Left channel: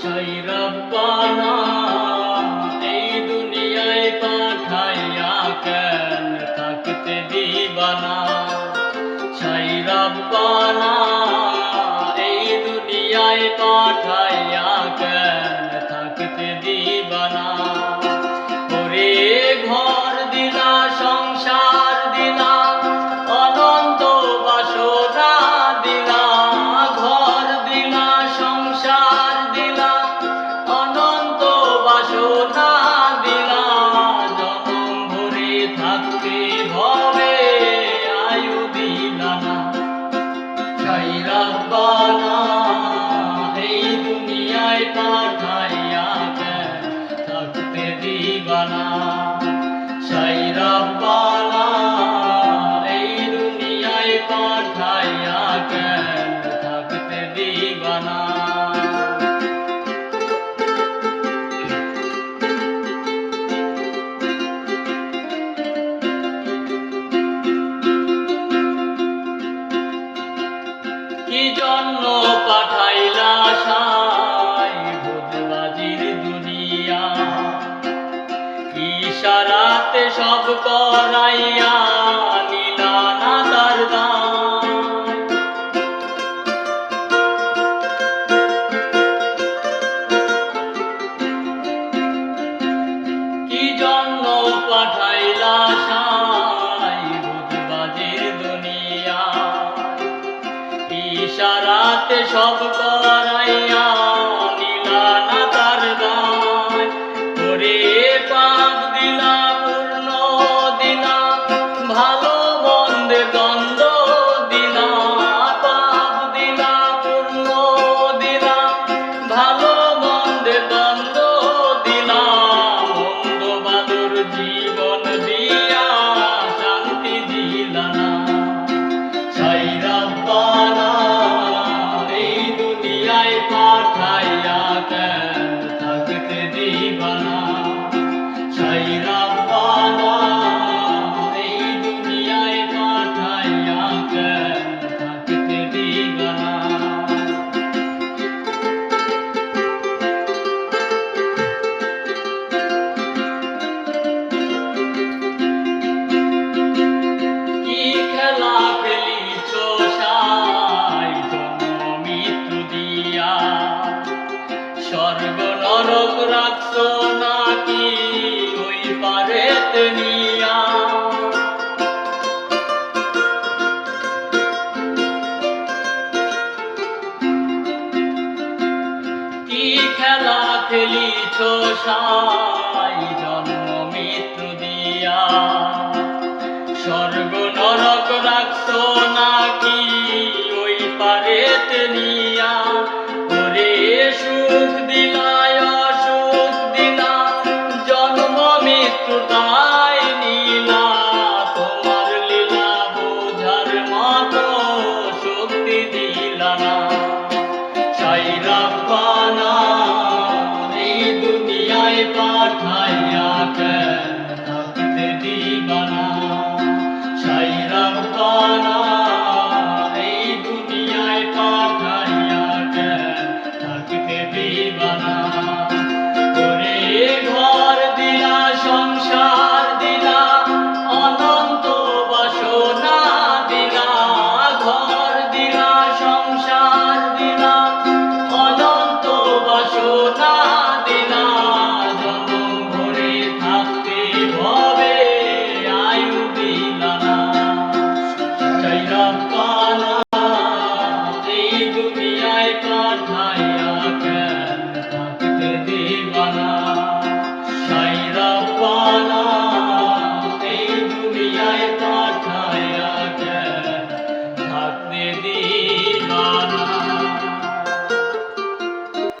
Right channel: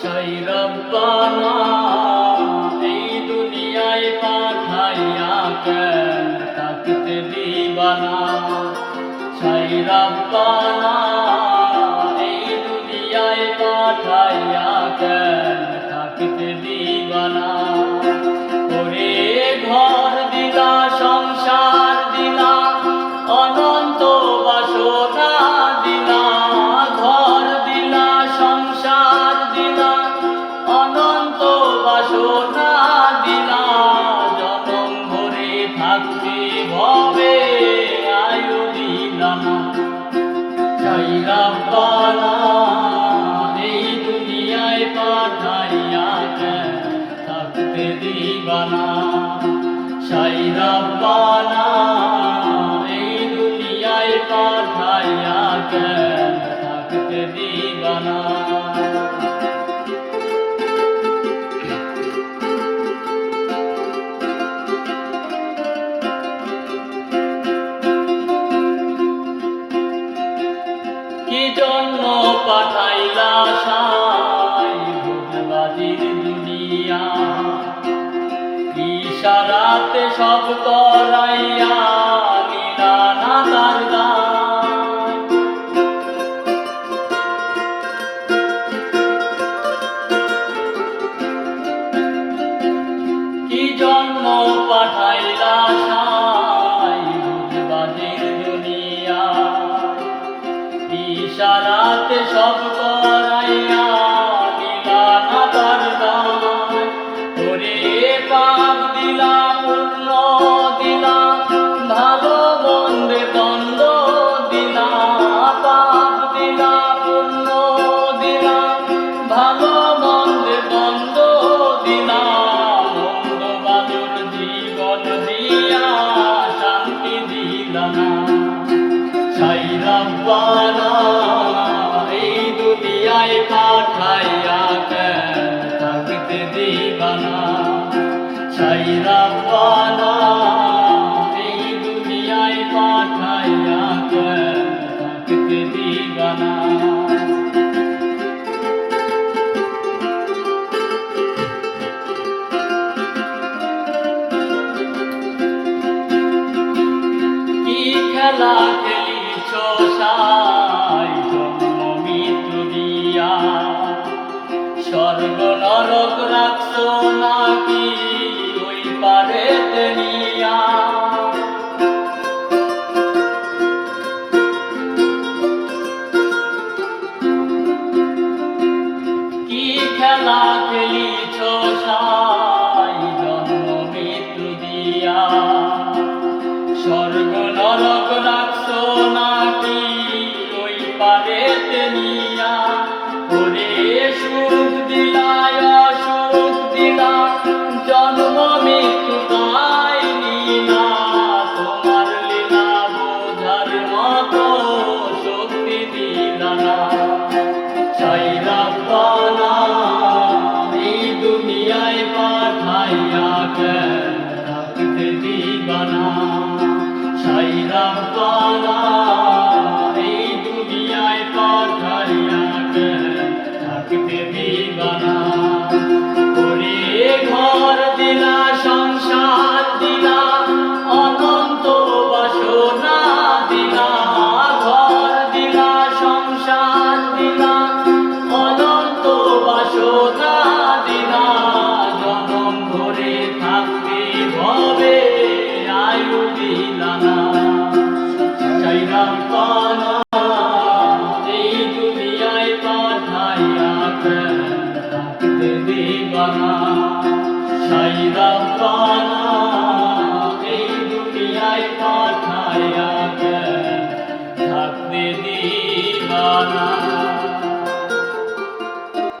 সেই রব্বানা এই দুনিয়ায় পাঠাইয়া কেন থাকতে দিবানা। সেই রব্বানা এই দুনিয়ায় পাঠাইয়া কেন থাকতে দিবানা। ওরে ঘর দিলা সংসার দিলা অনন্ত বাসনা দিলা। ঘর দিলা সংসার দিলা অনন্ত বাসনা দিলা। জনম ভরে থাকতে ভবে আয়ু দিলা না। সেই রব্বানা এই দুনিয়ায় পাঠাইয়া কেন থাকতে দিবানা। সেই রব্বানা এই দুনিয়ায় পাঠাইয়া কেন থাকতে দিবানা। কি জন্য পাঠাইলা সাই ভোজবাজির দুনিয়া। ইশারাতে সব করাইয়া নিলা না তার দায়। কি জন্য পাঠাইলা সাই ভোজবাজির দুনিয়া। ইশারাতে সব করাইয়া নিলা না তার দায়। ওরে পাপ দিলা পূর্ণ দিলা ভালো মন্দের দ্বন্দ্ব দিলা। পাপ দিলা পূর্ণ দিলা ভালো মন্দের দ্বন্দ্ব দিলা। মন্দ বাদুর জীবন দিয়া শান্তি দিলা না। সেই রব্বানা এই দুনিয়ায় পাঠাইয়া কেন থাকতে দিবানা। সেই রব্বানা এই দুনিয়ায় পাঠাইয়া কেন থাকতে দিবানা। কি খেলা খেলিছ সাই জন্ম মৃত্যু দিয়া। স্বর্গ নরক রাখছ নাকি ওই পারেতে নিয়া। কি খেলা খেলিছ সাই জন্ম মৃত্যু দিয়া। স্বর্গ নরক রাখছ নাকি ওই পারেতে নিয়া। ওরে সুখ দিলা অসুখ দিলা জন্ম মৃত্যু তাই নিলা। তোমার লীলা বোঝার মতো শক্তি দিলা না। সেই রব্বানা এই দুনিয়ায় পাঠাইয়া কেন থাকতে দিবানা। সেই রব্বানা এই দুনিয়ায় পাঠাইয়া কেন থাকতে দিবানা। ওরে ঘর দিলা সংসার দিলা অনন্ত বাসনা দিলা। ঘর দিলা সংসার দিলা অনন্ত বাসনা দিলা। জনম ভরে থাকতে ভবে আয়ু দিলা না। সেই রব্বানা এই দুনিয়ায় পাঠাইয়া কেন থাকতে দিবানা। সেই রব্বানা এই দুনিয়ায় পাঠাইয়া কেন থাকতে দিবানা।